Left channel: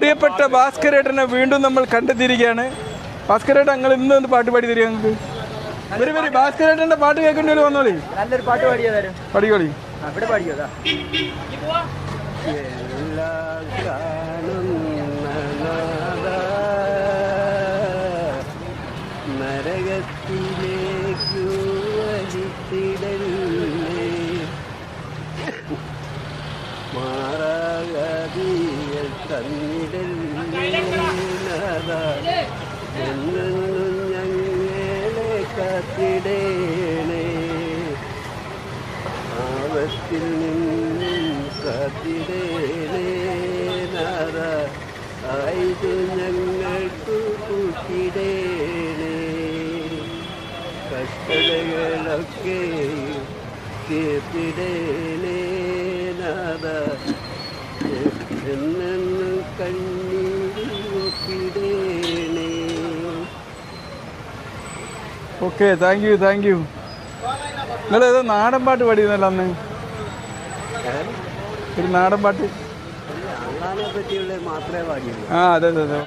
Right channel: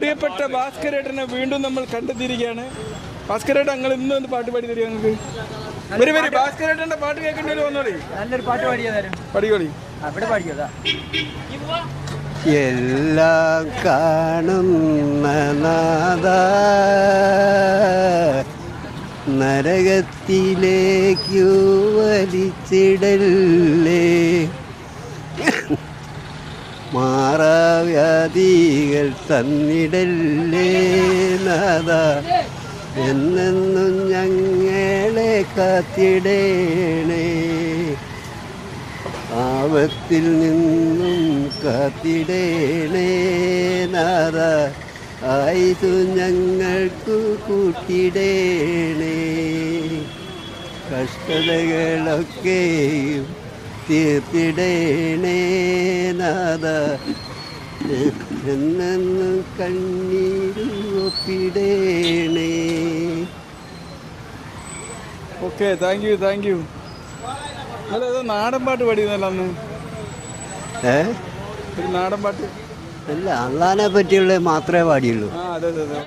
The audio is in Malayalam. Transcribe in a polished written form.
പ്രിയപ്പെട്ട ഭാസ്കരേട്ടനെ വീണ്ടും നമ്മൾ കണ്ടെത്തിയിരിക്കുകയാണ്. ഭാസ്കരേട്ടൻ നിങ്ങൾ ഇന്നൊന്ന് പാട്ട് പാടി തരിക ഞങ്ങൾക്ക്. വരി ഭാസ്കരേട്ടന്റെ പാട്ട് കേൾക്കേണ്ടി വന്നോളി. നല്ലൊരു പാട്ട് പാടിക്കോളി. എല്ലാം കാണുന്ന നാദ നരകത്തിലേക്കു വലിച്ചിടല്ലേ, മാറാവ്യാധികൾ തന്നിടല്ലേ നാദ, എന്നെന്നും ഞങ്ങളെ കാത്തിടേണേ, ആപത്തിൽ നിന്നും കാത്തിടേണേ നാദ, ആയിതു ഞങ്ങൾക്കു കൂട്ടിടേണേ, കഷ്ടതകളൊക്കെയും തീർത്തിടേണേ നാദ, എന്നെന്നും കണ്ണീരിൽ ഒപ്പിടേണേ. Okay, thank you. നിങ്ങളേതോ നാടൻ പാട്ട് പാടിയെന്നല്ലോ അന്ന്. ഒരു നാടൻ പാട്ട് അല്ല, അള്ളാനെ പറ്റിയുള്ള മാത്രമേ പാടിയുള്ളൂ. അതെ.